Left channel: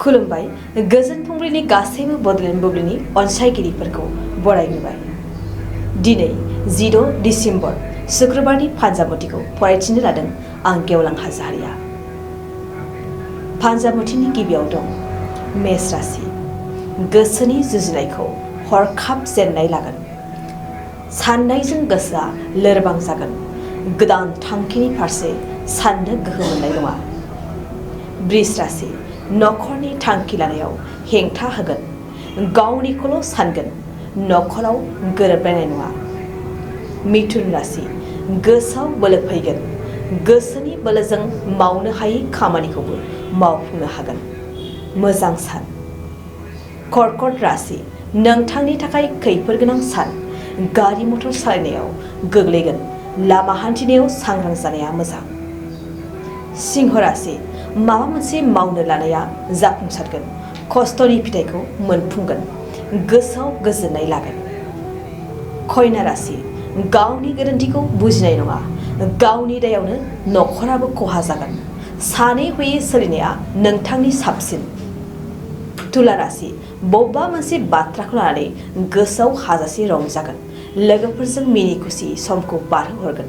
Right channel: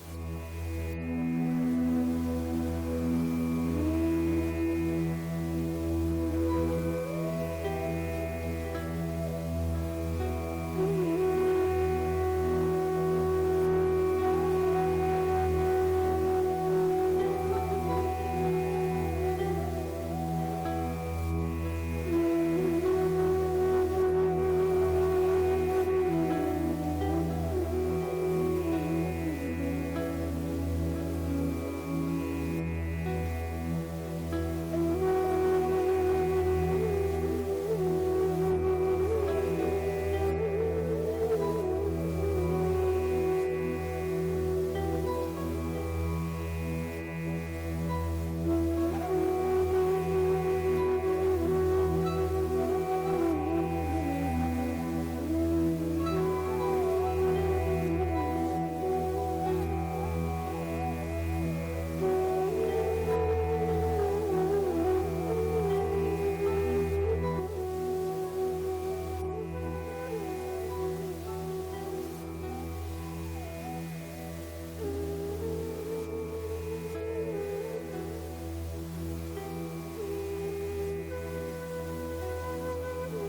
खुलुमबाय गोजोन फुंबिलिनि गासैबो बड'लेण्ड बुब्लिनि अनसायगिरिफोरखौ बरायबाय। दिनै 16 डिसेम्बर शुक्रबारनि फानजामुथिखौ फरायथिनो लादों आं गेवलां हाज'वारिया। फानजामुथिनि गिबियाव दं मेष राशि। गोसोनि जुजिनायखौ हरखाब जेननाय लागोन। साननायजों गोसोआ लोरबां जागोन। गोदान थांखिनि फारसे साननो गोहो मोननाय नङा। वृष राशि। नखरनि थांखि लानायाव हेंथा होगोन। गावनिखौल' सानगोन। नखराव गोरोबलायनाय नङा। मिथुन राशि। गोसोआव बोलो फैगोन। गोसोनि बोलोजों मावनो हायै खामानिखौबो मावफुंनो हागोन। मोजां सान। कर्कट राशि। नोंथांनि थाखाय खैफोद गोनां सान। गारि मटर सालायनायाव गोग्लैगोन। लामा हान्थिनायाव सांग्रां जानाया मोजां। सिंह राशि। माबा मोनसे मावनो लानाया जाफुंसारगोन। खस्थ'नि फिथाइखौ मोनफुंगोन। गोसोआव गोजोननाय लागोन। कन्या राशि। गावनि गोरोन्थिखौ बुजिनाय नङा। गावनि दायावनो नखराबो खहा जागोन। सानै हयै सोलिनाया नोंथांनि साबसिन। तुला राशि। बबेबा मोनसे बाथ्राखौ लानानै गोसोआव हाजासे रंजागोन। लोगोफोरजों मिनि खुसि समखौ बारहोहरगोन।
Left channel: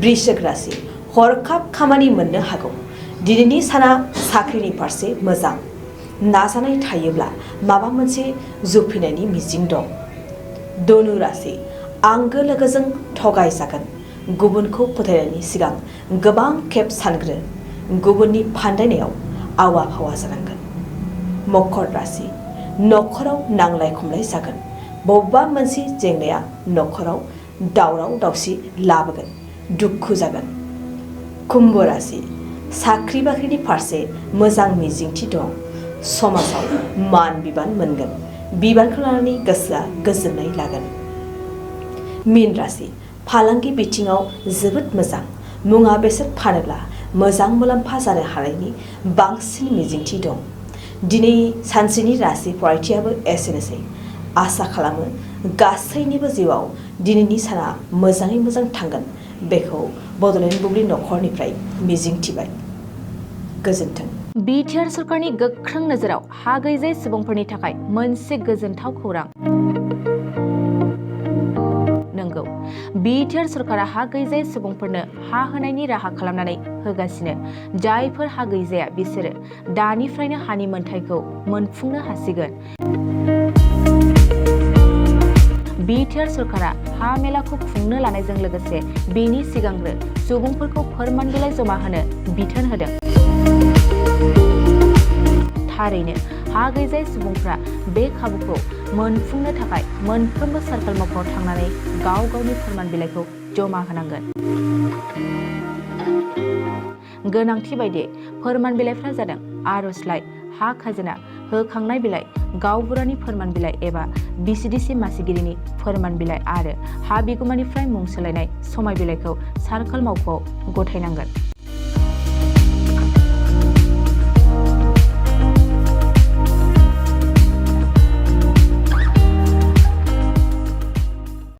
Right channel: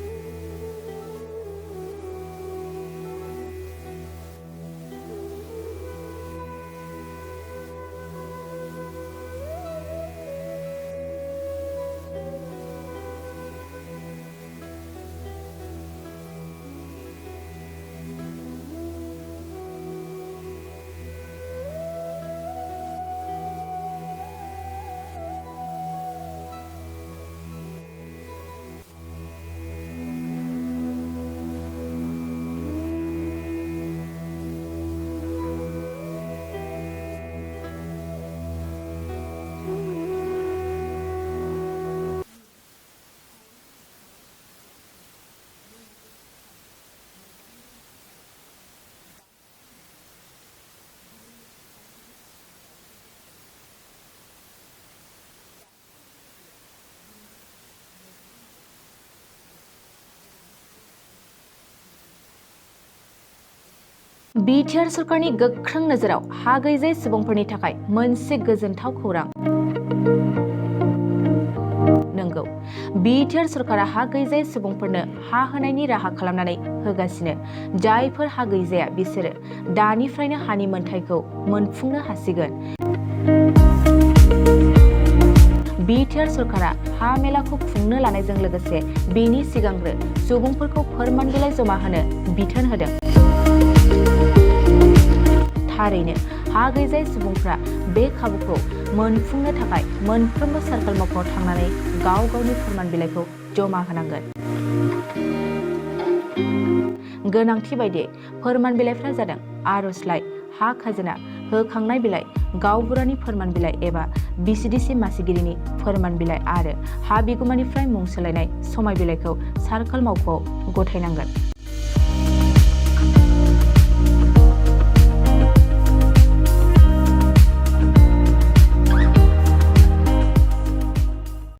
वृश्चिक राशि। हरखाब खामानि मोननो हागौ। दिनैनि साना साख्रिनि फारसे मोजां। नाजानाय थायोब्ला माबा मोनसे जुफिनायनि मिजिं दं। धनु राशि। आंगो लोगोजों थगायजागोन। गुबुनखौ फोथायनायनि सिगां गोबां खेब सानग्रो। गुबुननि फान्दायनायाव आवा फावा जानांगोन। मकर राशि। नखराव नांलाय खमलाय जागोन। बबेबा मोनसे जेंनाया नखराव दावराव दावसि लाबोगोन। दुखु जागोन। कुम्भ राशि। साख्रि बाख्रिनि फारसे मोजां मिजिंथि दं। समाजाव मान बिबान मोनगोन। बिबानखौ लानानै गोसोआ गोजोननाय लागोन। मीन राशि। फालांगि बिथिङाव जोबोद मोजां। मुवा बेसाद फानोब्ला मोजां मुलाम्फा जानो हानायनि बांसिन मिजिंथि दं। दिनै सानसेनि राशि फरायथियाबो एसेनोसै। आसा खालामो गासैनिबो जिउआव दिनैनि साना मोजाङै मोजां थांगोन। बेखौ बड'लेण्ड बुब्लि नखरनिफ्राय मिजिंथिबाय। गोजोन्थों। बिटिआर सरकारनि गोख्रों नोजोराव हा गैजायै सुबुंफोरनि थाखाय मोनसे गोजोनथाव खौरां। नंगौ, बिटिआर सरकारा हा गैजायै सुबुंफोरनो हा होनायनि राहा खालामनानै होगासिनो। जायफोर हा गैजाया बिसोरो दानिफ्रायनो हानि मोनथायखौ मोनफुंनो हासिगोन। बिटिआर सरकारा हा मेलाखौ खुंनो लानायजों लोगोसे बेनि सिगांग्रो सुबुंफोरखौ फोरमान बिलाइ जमा होनो बिथोन होदों। थारैनो हा गैजायै सुबुंफ्रा बे खाबुखौ मोनफुंनो थाखाय मोनफ्रोमबो सार्कल मावख'आव थांनानै गाव गावनि फोरमान बिलाइखौ जमा होनांगोन। गोनांथि बायदियै फोरमान बिलाइफ्रा जादों आर'जलाइ, हा खाजोना, होखांनाय बिलाइ, गावबुरानि फोरमान बिलाइ एबा बिसिडिसि मासिगिरिनि फोरमान बिलाइ आरो हा बिगुमानिफ्राय मुं सोलायनाय समाय बिलाइखौ सार्कल मावख'आव गथायनांगोन।